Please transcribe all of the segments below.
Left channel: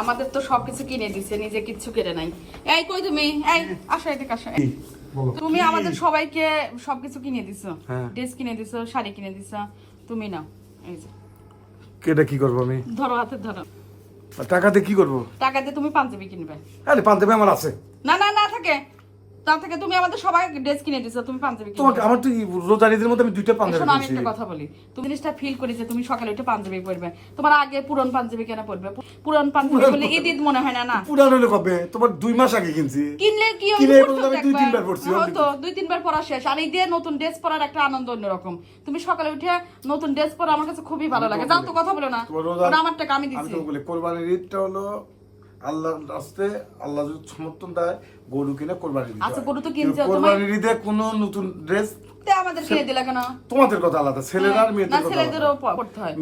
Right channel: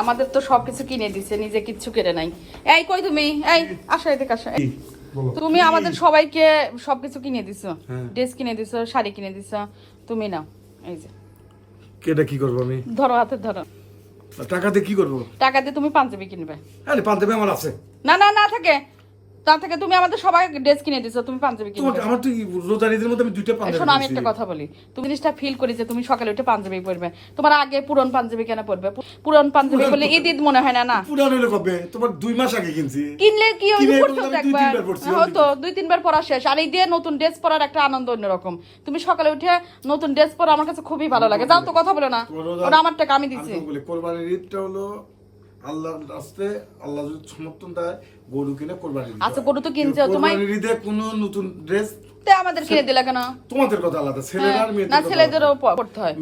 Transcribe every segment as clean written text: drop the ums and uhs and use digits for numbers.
আমাদের তো সবকিছু কিনে দিছে, নিজে কিচ্ছু কেড়ে নাই। এই কই তুমি? এই আসো এদিকে আসো। তুমি আমাদের সবাইকে সবকিছু কিনে দিছো, ড্রেস কিনে দিছো, শাড়ি কিনে দিছো, তুমি না। এই যে কেটা কি করবো আমি? ধরো হাতে ধরো। টাকাতে কি করবো? টাকা দিয়ে তুমি পাঞ্জাবি কিনবে। আরে পাঞ্জাবি আমার আছে। না না না থাকে, তা থেকে তুমি আমাদের সবাই ড্রেস কিনে দিছো, তুমি পাঞ্জাবি কিনবে। তোমার আমার তো রোজারিদের মধ্যে আমি দুইটা পাঞ্জাবি শোনো, আমি কিনছি। একটা কথা বলি, তুমি জিনিসটা ফিল করি যে তুমি সকালে উঠে পাঞ্জাবি পরবে। তোমার আগে পুরন পাঞ্জাবি কেন পরবে? পুরন পাঞ্জাবি বলে ঈদ ঈদ মনে হয় না? না, পুরান হলে কবে? তোমার 2 মাস আগে কিনছি। কিনলে কি কিনে বলতে আমি 2-3 বার পরছি। তো 2-3 বার পরা শেষ। আর এই দিয়ে নতুন ড্রেস পরার একটা আনন্দ অন্যরকম। তুমি সকালে উঠে নতুন ড্রেস পরা আমার কাছে খুবই ভালো লাগে। যাও তো কথা বলে না, ওটা আমার টাকা আমি দিচ্ছি। আমি তো বলি কোরবানির ঈদটা হলো আল্লাহর রাস্তায়, আল্লাহ যদি সমর্থন দেয় গরু কিনে কোরবানি দিতে। আচ্ছা, গরু তো কিনছো তুমি। কোরবানির ঈদে কোনো নতুন ড্রেস তে আমাদের কিনে দিলা কেন? তোমাদের কথা আলাদা, ছেলেরা আর মেয়েদের না, কথা ছেলেদেরও আলাদা। পড়তে হয়।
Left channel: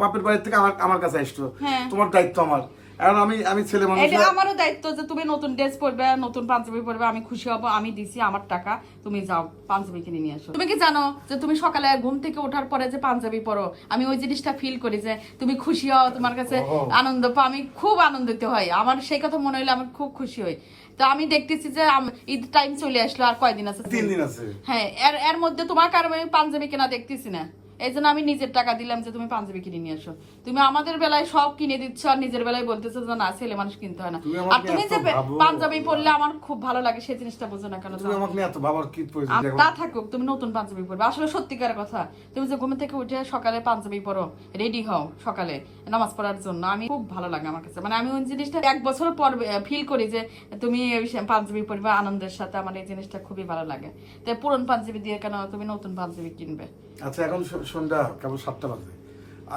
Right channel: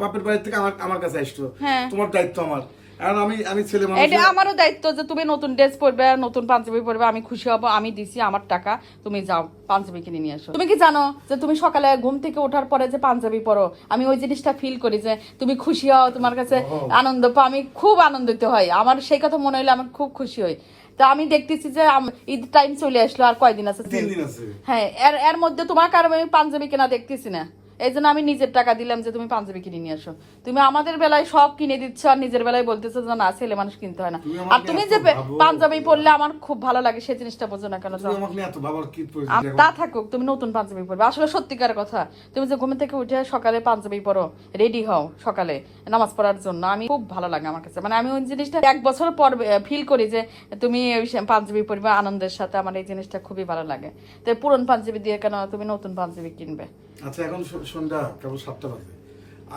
বাপের বাড়ি থেকে আমার কাছে আসতো, হ্যাঁ। তোমার দায়িত্ব আমার। আর আমি ছেলে মানুষ, এটা আমারও দায়িত্ব যে তুমি নতুন ড্রেস পরবে, নতুন পাঞ্জাবি পরবে, আমি খুশি হব। আমি দিছি আমার টাকা, তুমি যাও পাঞ্জাবি কিনে নিয়ে আসো। তুমি কি জানো যে তুমি সকালে ঘুম থেকে ওঠার পরে যে পাঞ্জাবি পরো, আমি ওই জিনিসটা ফিল করি যে তুমি খুশি হও, তোমার কাছে আনন্দ পাও, আমি খুব আনন্দিত হই। আমার সেই কথা মনে হলে আমি খুব খুশি হই। তা আমি দেখতেছি যে ঈদ টাইম চলে আসলো, আর কয়দিন আছে? 3 দিন আছে। হ্যাঁ, এর মধ্যে তোমার কারণে আমি পাঞ্জাবি কেনা দেখতেছি না। এই জন্য আমি নিজের টাকা দিলাম যে তুমি পাঞ্জাবি কিনে নিয়ে আসো। তুমি আমাদের বেলায় সব কিনে দিচ্ছ আর নিজের বেলায় বলতেছো যে না, ছেলে মানুষ কিনতে হয় না। আর তুমি যে পাঞ্জাবি পরলে আমার খুব ভালো লাগে, সেই জিনিসটা বোঝো না কেন? তুমি আমাকে নিয়ে এত ভাবার কি প্রয়োজন? তা থাকুক, তুমি নতুন পাঞ্জাবি পরবে। আসলে সত্যিকার কথা, তুমি যে ঘুম থেকে উঠে সকালে পাঞ্জাবি পরো, রেডি হও সকালে নামাজ পড়ার জন্য, আমি খুব ভালো লাগে আমার কাছে। মানে আমি ওই জিনিসটা 1 বছর পর ফিল করি যে তুমি পাঞ্জাবি পরবে আনন্দের সাথে। আমার এই জিনিসটা খুবই ভালো লাগে। তো পুরন পাঞ্জাবি দিয়ে কেন তুমি নতুন পাঞ্জাবি কিনবে? আচ্ছা, এখন সন্ধ্যা কেবল 7টা বাজে,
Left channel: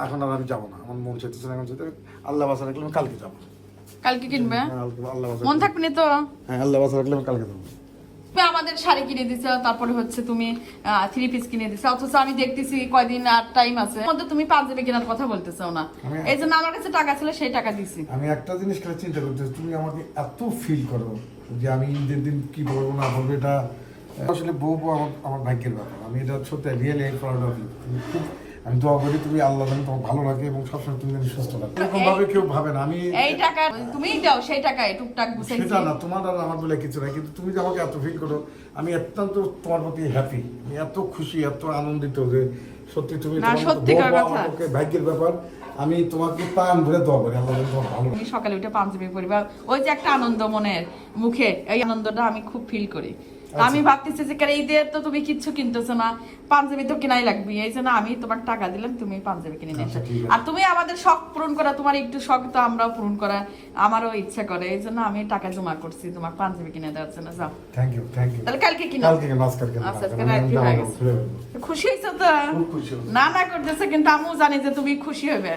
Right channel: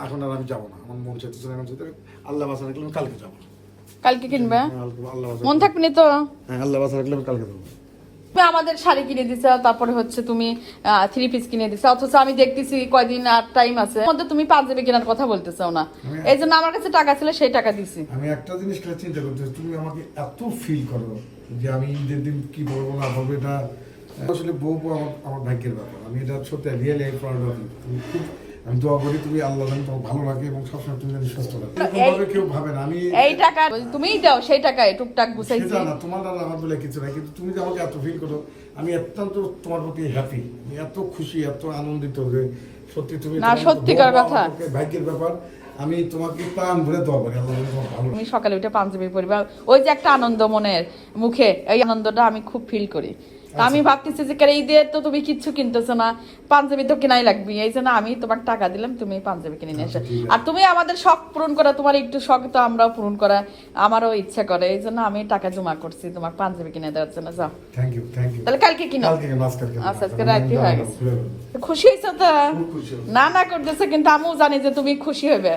এখন আর আমি যাবো না, আমার মন চাইতেছে না। এখন যেতে আল্লাহ বাসা রাখলে আমি কালকে যাবো। কালকে কিনবে? আল্লাহ বাসা মন থাকবে তো? হ্যাঁ, আল্লাহ বাসা রাখলে আমি কালকে যাবো। তুমি আমাদের শাড়ি কিনে দিছো, তারপরে হচ্ছে তুমি 3 পিস কিনে দিছো, অথচ আমি দেখতেছি কয়দিন আর টাইম আছে, মধ্যে তুমি পাঞ্জাবি কেনার কথা বলতেছো না। এই জন্য আমার কাছে টাকা ছিল, সেই টাকা দিছি। আমি একটা জিনিস করে চিন্তা করতেছি, তুমি আমাকে এত ফিল করো যে আমি ঈদের দিন কি বলবো না বলবো, এটা আসলে বউ আমার ভাগ্যের ব্যাপার। আমি এটা সত্যি রিয়েলি আমি দোয়া করি তুমি আল্লাহ যেন তোমার ভালো রাখে এবং সবসময় তুমি যেন সুস্থ রাখো। এরকম ভাবে কেউ ভাবে না। আমি এই টাকা তুমি দাও, সেই টাকায় টুকটাক গুছাইছি। সেটা না, তোমার আর আমার বলে কিছু নাই, কিন্তু তুমি যে আমাকে এত ফিল করো, আমি অত্যন্ত তোমার প্রতি হ্যাপি, আমি এত খুশি, এত আনন্দিত যে সত্যি তুমি ভাগ্যের ব্যাপার। আমি তোমাকে প্রাণ ভরে দোয়া করি আল্লাহ যেন তোমার ভালো। আমি সকালে উঠে পাঞ্জাবি পরবা, ওই যে একটা আনন্দ মনের মুখে, এই আনন্দটা আমি খুব ফিল করি। আমি ভাবতেছি যে এই দিয়ে তো তুমি কিচ্ছু কিনতেছো না, পাঞ্জাবি তো কেনাই লাগবে। এই জন্য আমি তোমার টাকা দিলাম, তুমি পাঞ্জাবি কিনে নিয়ে আসো। আর তুমি আমাদের শখ পূরণ করা, তোমার একটু শখ তো আমরাও পূরণ করা আমারও ইচ্ছা করে। এই জন্য আমি টাকা জমা করছি তোমার পাঞ্জাবি কিনে দেওয়ার জন্য। যাও, থ্যাংক ইউ। তাহলে কালকে কিনে খুশি হয়েছো তো? না না করতেছে, কিন্তু আমিও জানি যে তুমি খুশি হবে।